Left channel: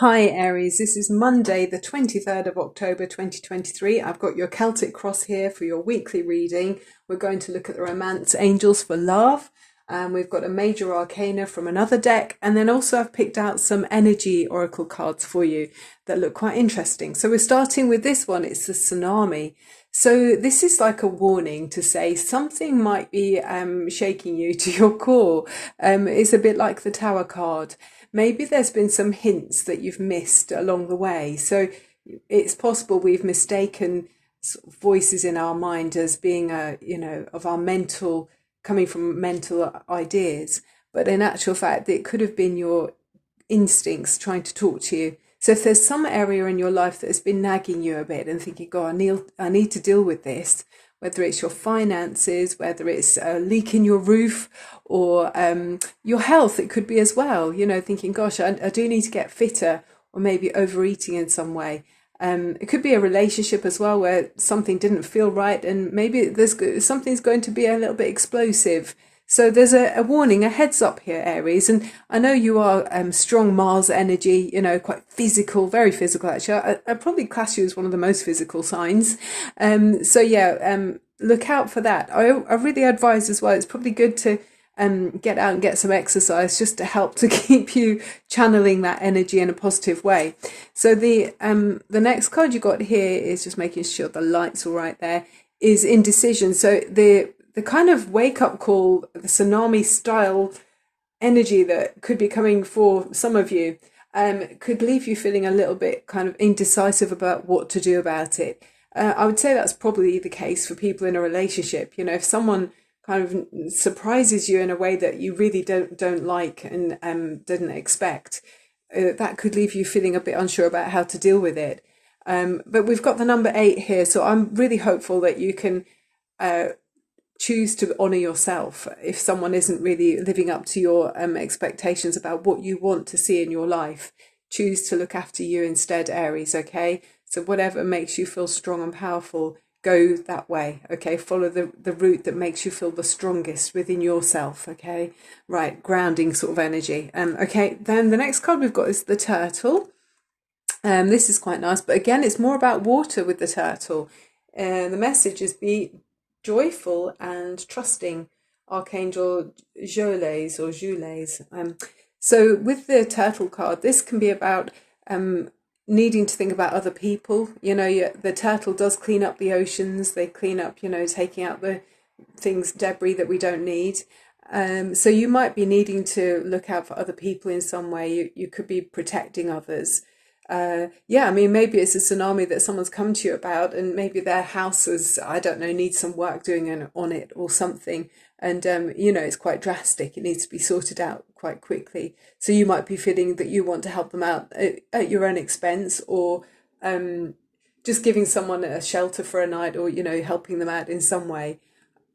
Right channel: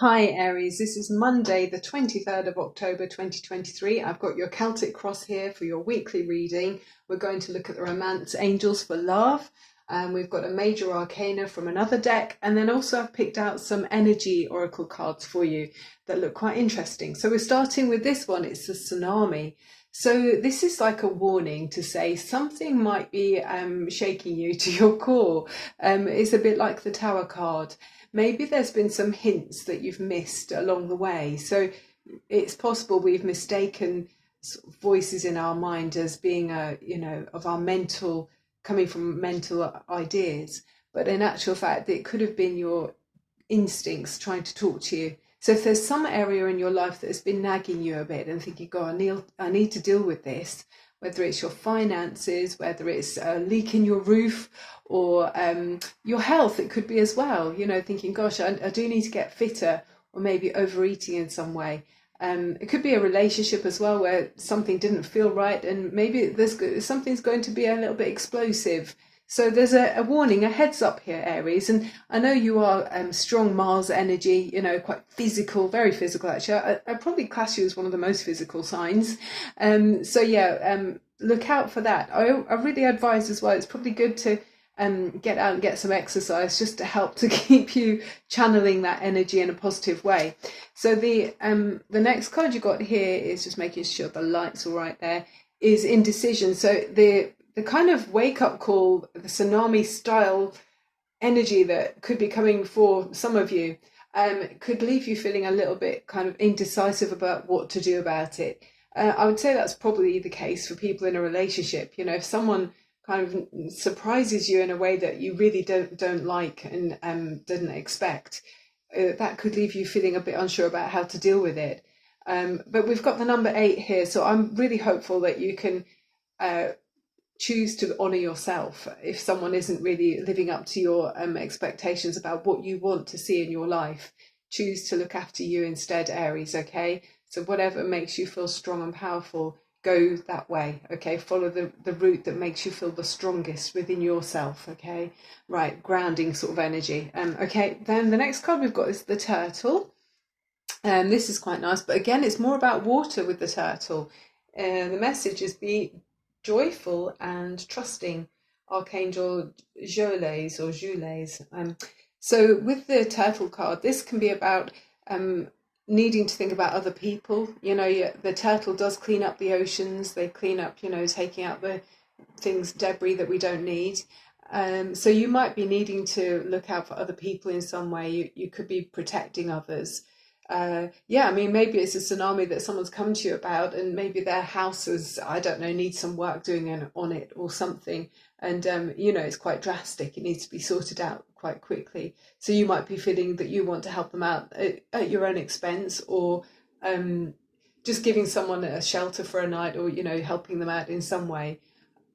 Hi Aries, this is Monday the 23rd of October 2023. I've got your Celtic cross here for your weekly reading. We're going to look at the Romance Angels for love, and we've got a major arcana from another deck, and then also I've picked out some energy oracle cards for you that look quite interesting. So we're starting with this one. It's the tsunami. So this is like a warning to say something might be shaking you to your core. It's a bit like the Tower card. Maybe there's been some hints that you've missed along the way. So it's possible we've mistaken sort of voices in our mind as being of our mental, coming from mental ideas. But in actual fact, it could have been your instincts trying to talk to you. So if there's some area in your life that has been nagging you a bit and thinking, God, I need to deal with this, whether it's your finances, whether it's a leak in your roof, or your health, it could be as well, thinking, gosh, I do need to get fitter, or maybe overeating in some way. It could be a relationship as well where something didn't feel right, and maybe something's going to be a little bit explosive. So there's a warning, a heads up here, Aries. And I know you are strong Mars energy, quite physical, very physical actually. I'd probably class you as one of the most physical signs. Look out for that. I really advise as well, it's probably good to get out and get some exercise just to help to keep you channeling that energy in a positive way. So the next card you got here is just making sure the light's all right there, is indecision. So the kind of wake-up call, the tsunami style energy that could be coming for some of you could leave you feeling a little bit kind of indecisive about what to do about it. I would say that's probably the case for people in a relationship. If someone kind of surprises you in a way that you really don't like and didn't expect, that could leave you feeling a bit unsure about how to deal with it. But we've got the number 8 here, so I'm really hopeful that you can choose to honour yourself if someone isn't really living up to your expectations about what you want to see in your life. Choose to look after you instead, Aries, okay? So whatever makes you feel strong and powerful, go that way, okay? Follow the route that makes you feel the strongest within yourself, okay? Right, grounding sort of energy. Okay, then the next card we've got is the turtle. This is quite nice, but again, it's more about water with the turtle. The message is be joyful and trusting, Archangel Joles or Jules. So with the turtle card, this can be about needing to think about other people. The turtle does clean up the oceans. They clean up, taking out the things, debris that we don't need. So you might be needing to look out for other people in some way. You could be protecting others. Maybe it's a tsunami that someone's come to you about, and maybe their house is, I don't know, needs some work doing on it or something. And, it's quite drastic. It needs to be sorted out quite quickly. So you might be feeling that you want to help them out at your own expense, or just giving someone a shelter for a night, or, helping them out in some way.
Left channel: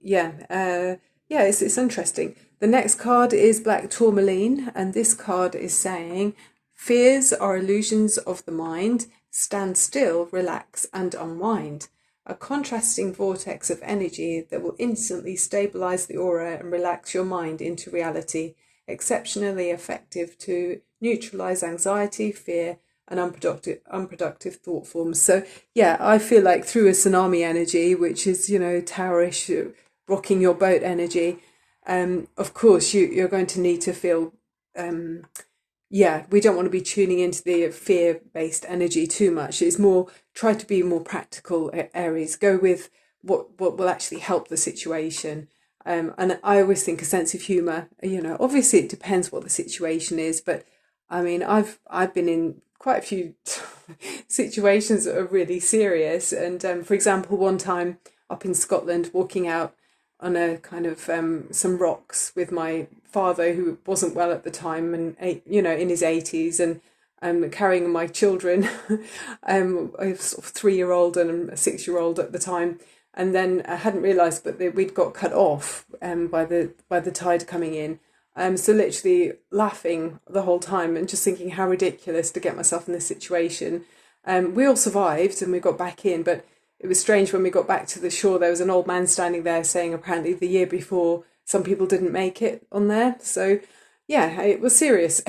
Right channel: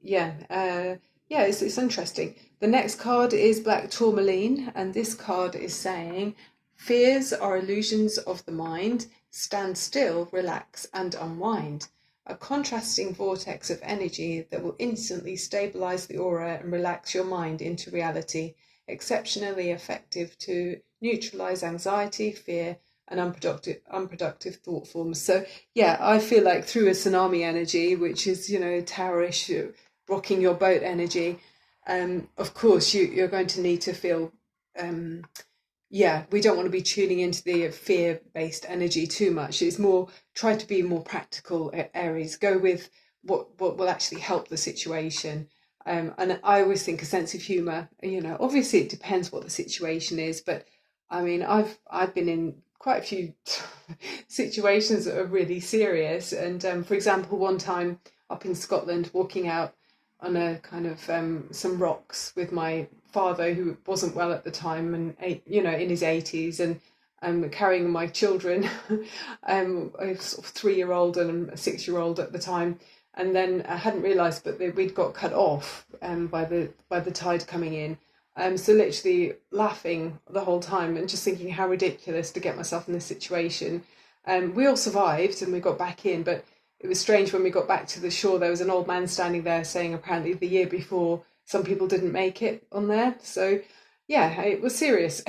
It's interesting. The next card is Black Tourmaline, and this card is saying, fears are illusions of the mind. Stand still, relax, and unwind. A contrasting vortex of energy that will instantly stabilize the aura and relax your mind into reality. Exceptionally effective to neutralize anxiety, fear, and unproductive thought forms. So, I feel like through a tsunami energy, which is, towerish, rocking your boat energy, of course, you're going to need to feel... we don't want to be tuning into the fear-based energy too much. It's more, try to be more practical, Aries. Go with what will actually help the situation. And I always think a sense of humour, obviously it depends what the situation is, but I mean, I've been in quite a few situations that are really serious. And for example, one time up in Scotland, walking out on a kind of some rocks with my father, who wasn't well at the time, and in his 80s, and carrying my children, a sort of 3-year-old and a 6-year-old at the time, and then I hadn't realised, but we'd got cut off by the tide coming in. So literally laughing the whole time and just thinking how ridiculous to get myself in this situation. We all survived and we got back in, but it was strange when we got back to the shore. There was an old man standing there saying apparently the year before some people didn't make it on there. So Yeah, it was serious.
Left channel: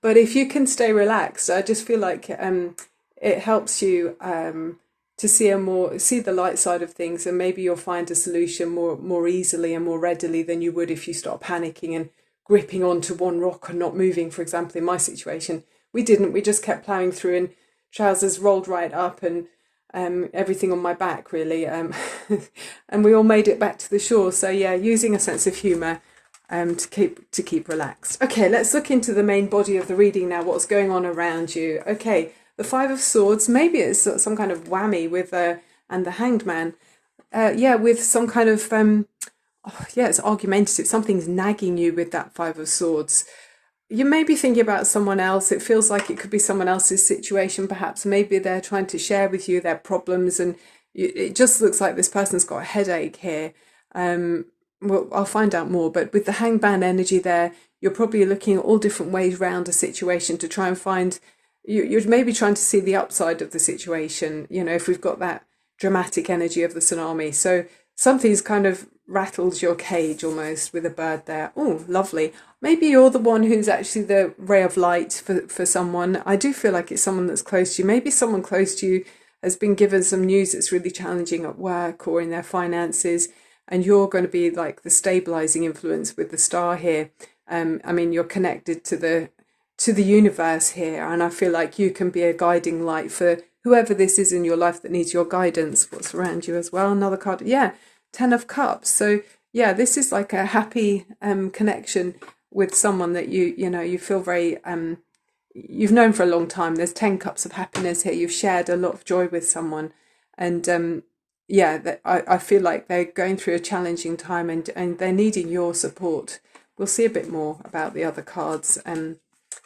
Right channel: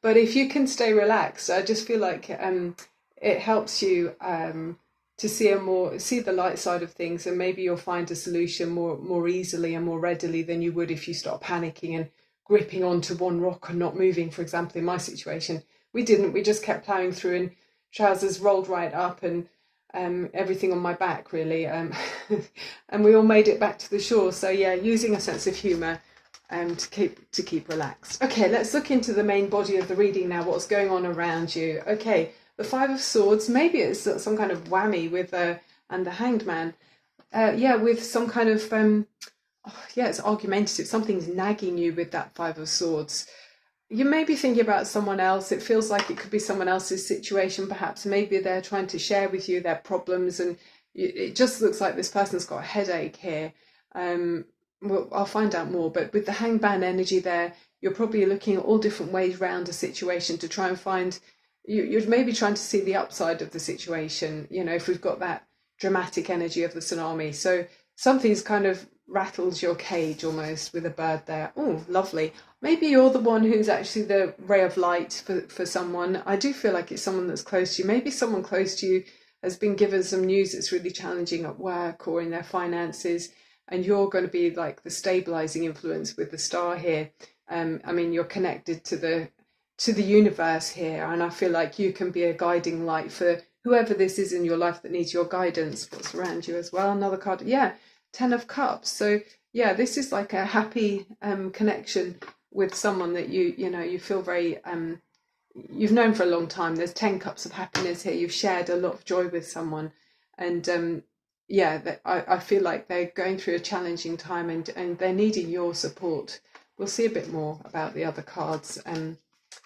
But if you can stay relaxed, I just feel like it helps you to see the light side of things, and maybe you'll find a solution more easily and more readily than you would if you start panicking and gripping onto one rock and not moving. For example, in my situation, we didn't. We just kept ploughing through, and trousers rolled right up, and everything on my back really, and we all made it back to the shore. So yeah, using a sense of humour to keep relaxed. Okay, let's look into the main body of the reading now. What's going on around you? Okay, the Five of Swords. Maybe it's some kind of whammy with and the Hanged Man. Yeah, with some kind of yeah, it's argumentative. Something's nagging you with that Five of Swords. You may be thinking about someone else. It feels like it could be someone else's situation, perhaps. Maybe they're trying to share with you their problems, and it just looks like this person's got a headache here. Well, I'll find out more, but with the hangman energy there, you're probably looking at all different ways around a situation to try and find, you're maybe trying to see the upside of the situation, you know, if we've got that dramatic energy of the tsunami. So something's kind of rattles your cage almost with a bird there. Oh, lovely. Maybe you're the one who's actually the ray of light for someone. I do feel like it's someone that's close to you. Maybe someone close to you has been given some news that's really challenging at work or in their finances, and you're going to be like the stabilizing influence with the star here. I mean, you're connected to the universe here, and I feel like you can be a guiding light for whoever this is in your life that needs your guidance. What's around you as well? Another card, yeah, Ten of Cups. So yeah, this is like a happy connection with someone that you feel very you've known for a long time. There's 10 cups of happiness here. You've shared a lot of joy with someone, and yeah, I feel like they're going through a challenging time, and they're needing your support. We'll see a bit more about the other cards.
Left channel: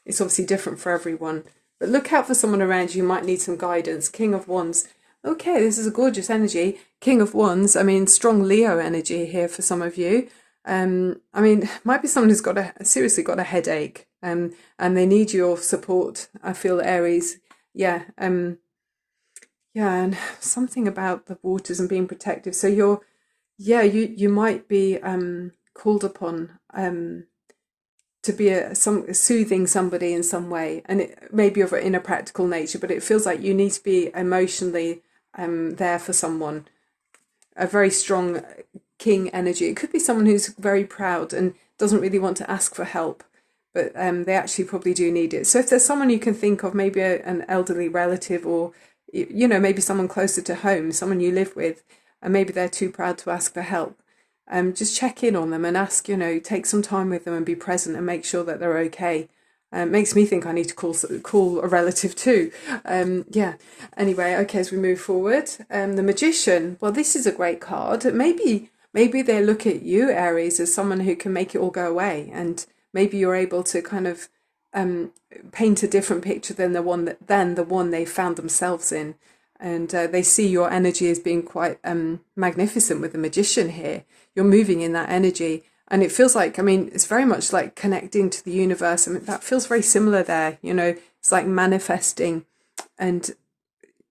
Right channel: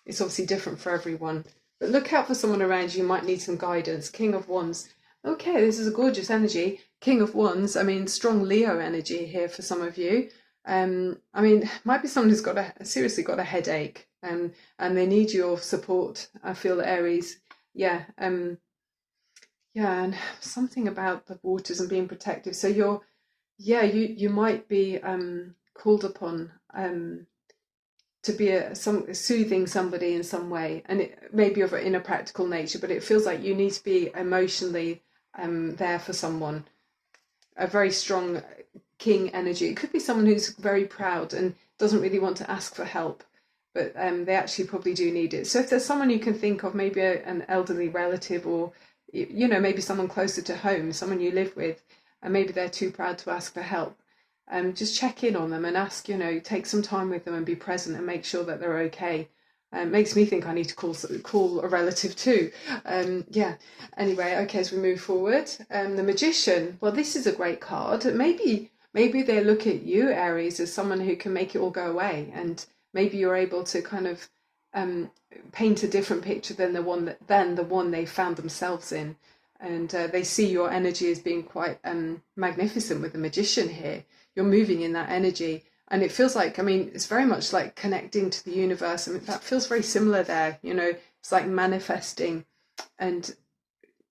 It's obviously different for everyone, but look out for someone around you who might need some guidance. King of Wands. Okay, this is a gorgeous energy. King of Wands, I mean, strong Leo energy here for some of you. I mean, might be someone who's seriously got a headache, and they need your support. I feel Aries, yeah, yeah, and something about the waters and being protective. So you might be called upon to be soothing somebody in some way, and it may be in a practical nature, but it feels like you need to be emotionally there for someone. A very strong king energy. It could be someone who's very proud and doesn't really want to ask for help, but they actually probably do need it. So if there's someone you can think of, maybe an elderly relative, or maybe someone closer to home, someone you live with, and maybe they're too proud to ask for help, just check in on them and ask, take some time with them and be present and make sure that they're okay. It makes me think I need to call a relative too. Yeah. Anyway, okay, as we move forward, the Magician. Well, this is a great card. Maybe they look at you, Aries, as someone who can make it all go away, and maybe you're able to kind of paint a different picture than the one they found themselves in, and they see your energy as being quite magnificent with the Magician here. You're moving in that energy. And it feels like, I mean, it's very much like connecting to the universe. I mean, that feels very similar there. It's like manifesting and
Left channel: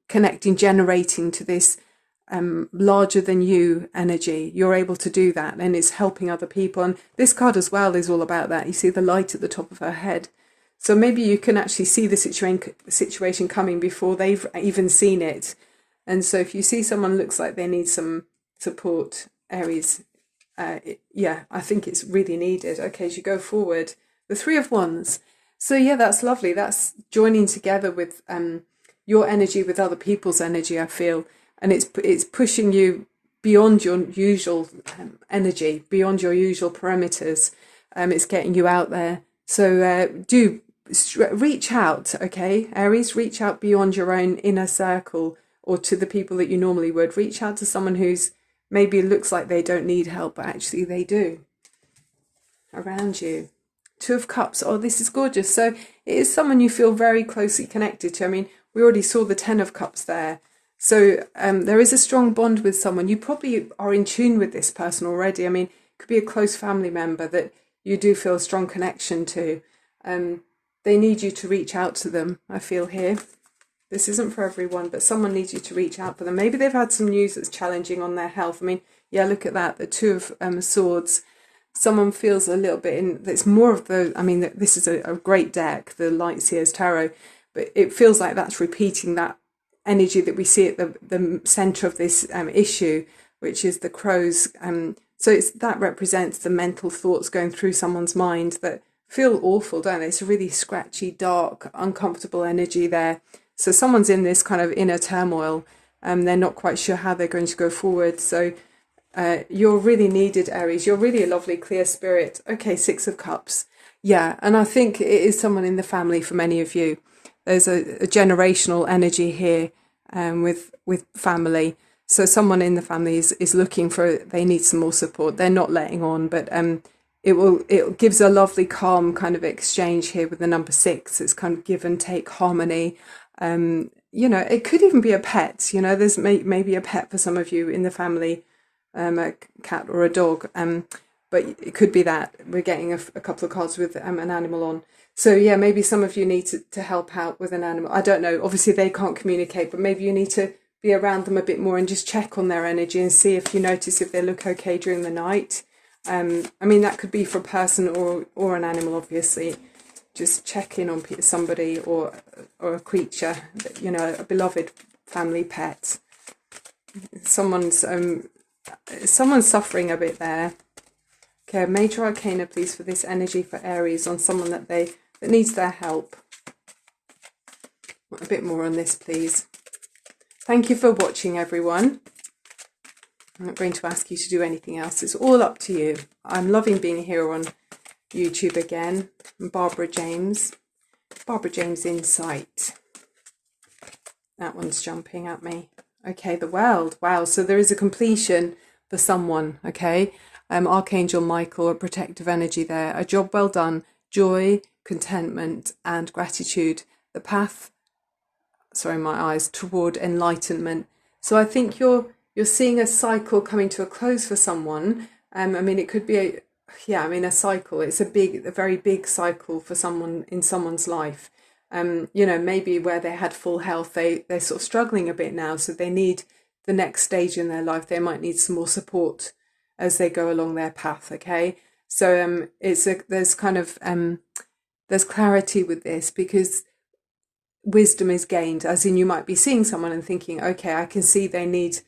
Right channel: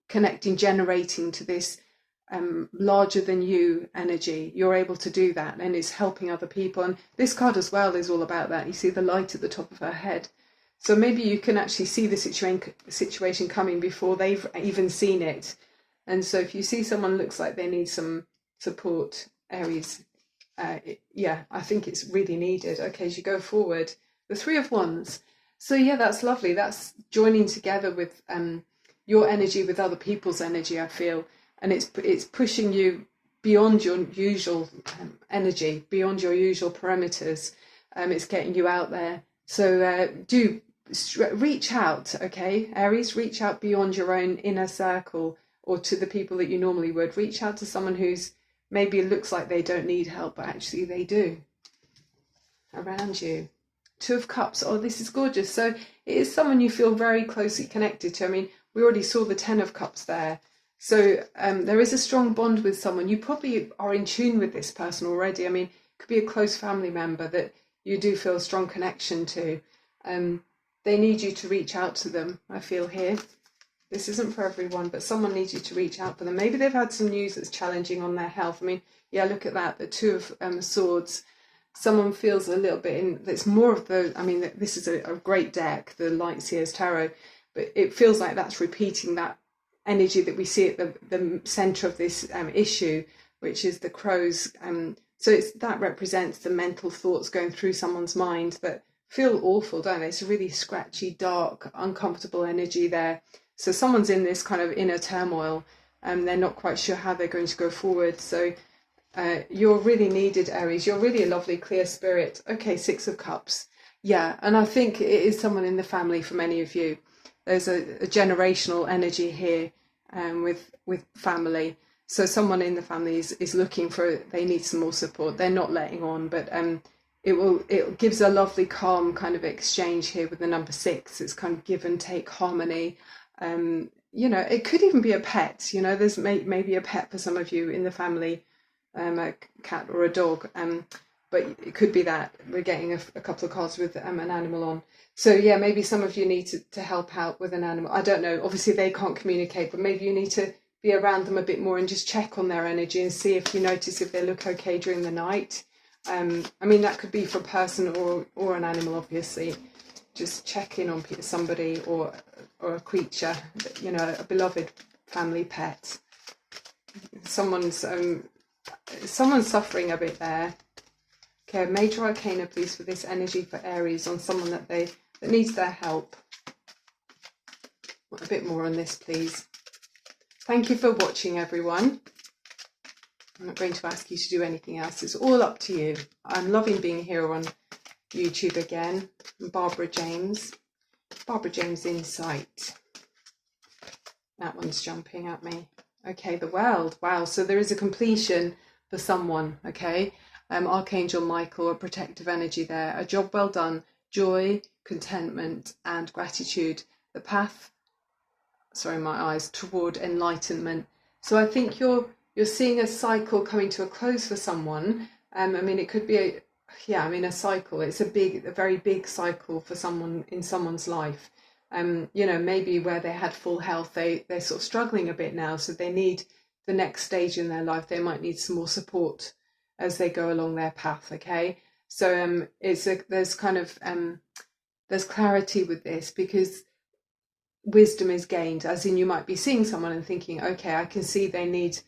connecting, generating to this larger than you energy. You're able to do that, and it's helping other people. And this card as well is all about that. You see the light at the top of her head. So maybe you can actually see the situation coming before they've even seen it. And so if you see someone looks like they need some support, Aries, yeah, I think it's really needed. Okay, as you go forward, the Three of Wands. So yeah, that's lovely. That's joining together with your energy with other people's energy, I feel, and it's pushing you beyond your usual energy, beyond your usual parameters. It's getting you out there. So do reach out, okay, Aries. Reach out beyond your own inner circle or to the people that you normally would. Reach out to someone who's maybe it looks like they don't need help, but actually they do around you. Two of Cups. Oh, this is gorgeous. So it is someone you feel very closely connected to. I mean, we already saw the Ten of Cups there. So there is a strong bond with someone. You probably are in tune with this person already. I mean, it could be a close family member that you do feel a strong connection to. They need you to reach out to them, I feel here. This isn't for everyone, but someone needs you to reach out for them. Maybe they've had some news that's challenging on their health. I mean, yeah, look at that, the Two of Swords. someone feels a little bit in, it's more of the, I mean, this is a great deck, the Light Seers Tarot, but it feels like that's repeating that energy that we see at the center of this issue, which is the crows. So that represents the mental thoughts going through someone's mind that feel awful, don't they? It's a really scratchy, dark, uncomfortable energy there. So someone's in this kind of inner turmoil, and they're not quite sure how they're going to go forward. So you're really needed, Aries. You're really a lovely, clear spirit. Okay, Six of Cups. Yeah, and I think it is someone in the family for many of you. There's a generational energy here with family. So someone in the family is looking for, they need some more support. They're not letting on, but it gives a lovely, calm kind of exchange here with the number 6. It's kind of give and take harmony. You know, it could even be a pet. You know, there's maybe a pet for some of you in the family, a cat or a dog. But it could be that we're getting a couple of cards with an animal on. So yeah, maybe some of you need to help out with an animal. I don't know. Obviously they can't communicate, but maybe you need to be around them a bit more and just check on their energy and see if you notice if they look okay during the night. I mean, that could be for a person or an animal, obviously. Just check in on somebody or a creature, you know, a beloved family pet. Someone's suffering a bit there. Okay, Major Arcana, please, for this energy for Aries on someone that needs their help. A bit more on this, please. Thank you for watching, everyone. I'm not going to ask you to do anything else. It's all up to you. I'm loving being here on YouTube again. I'm Barbara James. Barbara James Insight. That one's jumping at me. Okay, the World. Wow, so there is a completion for someone, okay? Archangel Michael, a protective energy there. A job well done. Joy, contentment, and gratitude. The path, sorry, my eyes, toward enlightenment. So I think you're seeing a cycle coming to a close for someone. I mean, it could be a cycle. It's a very big cycle for someone in someone's life. You know, maybe where they had full health, they're sort of struggling a bit now. So they need the next stage in their life. They might need some more support as they go along their path. Okay. So there's kind of, there's clarity with this because wisdom is gained, as in you might be seeing someone and thinking, okay, I can see they need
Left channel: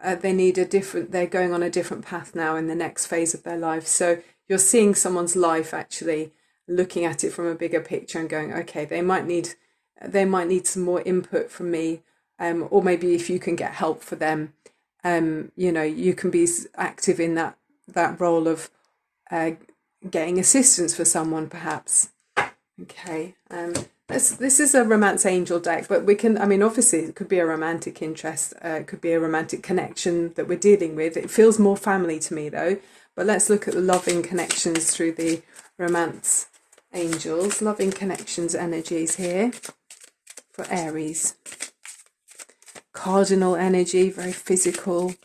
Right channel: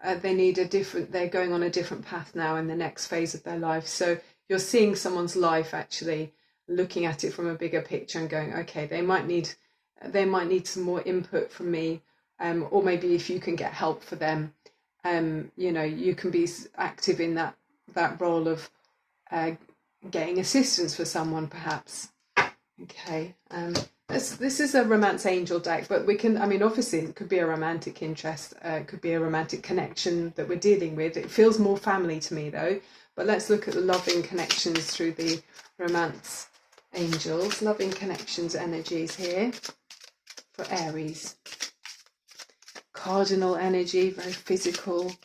they're going on a different path now in the next phase of their life. So you're seeing someone's life, actually looking at it from a bigger picture and going, okay, they might need some more input from me, or maybe if you can get help for them, you know, you can be active in that role of getting assistance for someone, perhaps. Okay. This is a romance angel deck, but we can, I mean, obviously it could be a romantic interest, it could be a romantic connection that we're dealing with. It feels more family to me though, but let's look at the loving connections through the romance angels. Loving connections energies here for Aries. Cardinal energy, very physical.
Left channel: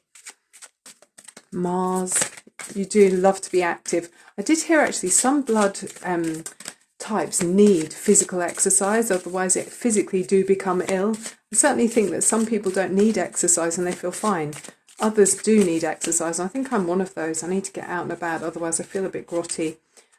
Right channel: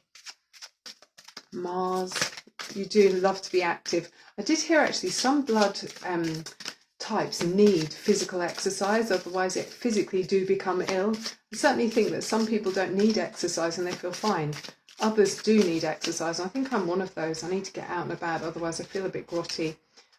Mars, you do love to be active. I did hear actually some blood types need physical exercise, otherwise it physically do become ill. I certainly think that some people don't need exercise and they feel fine. Others do need exercise. I think I'm one of those. I need to get out and about, otherwise I feel a bit grotty.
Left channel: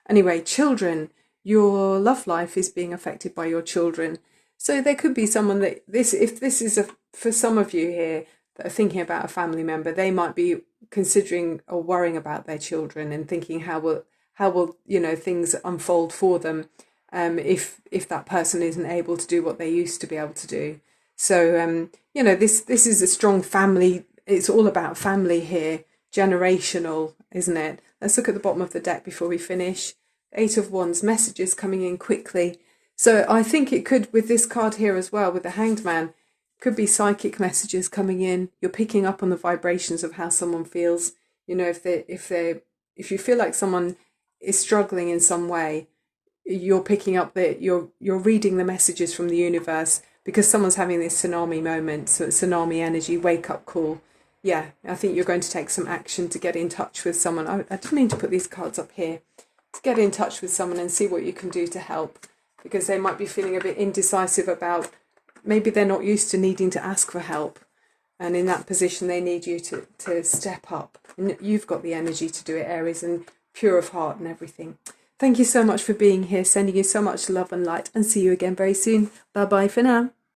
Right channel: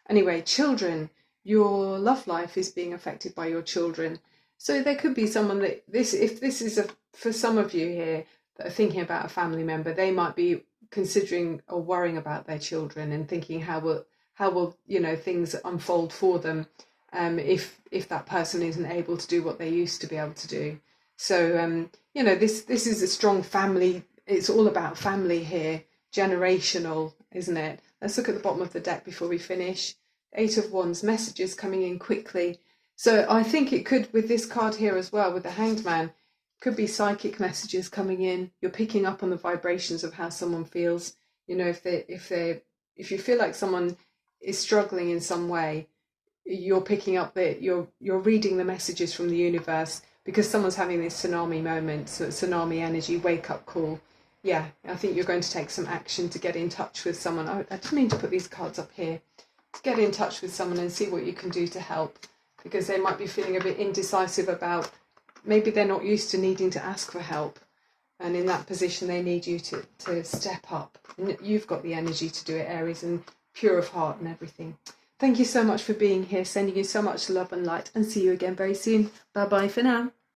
Anyway, children, your love life is being affected by your children. So there could be someone that if this is for some of you here that are thinking about a family member, they might be considering or worrying about their children and thinking how will you know things unfold for them if that person isn't able to do what they used to be able to do. So you know, this is a strong family. It's all about family here, generational, isn't it? Let's look at the bottom of the deck before we finish. 8 of Wands, messages coming in quickly. So I think it could, with this card here as well, with the Hanged Man, could be psychic messages coming in. You're picking up on the vibrations of how someone feels. You know, if you feel like someone is struggling in some way, you're picking up that you're reading the messages from the universe because someone's having this tsunami moment, so tsunami energy, wake up call. Yeah, I think you're going to take some action to get in touch with someone. I didn't mean to put these cards up here. To get in touch with someone and see what you can do to help, because they might be feeling a bit indecisive about, maybe they're not used to needing to ask for help, and in that position they need you to step up. You've got the energy to do it, Aries, and pure of heart and everything. Thank you so much for being here, sending you so much love and light, and see you again very soon. Bye bye for now.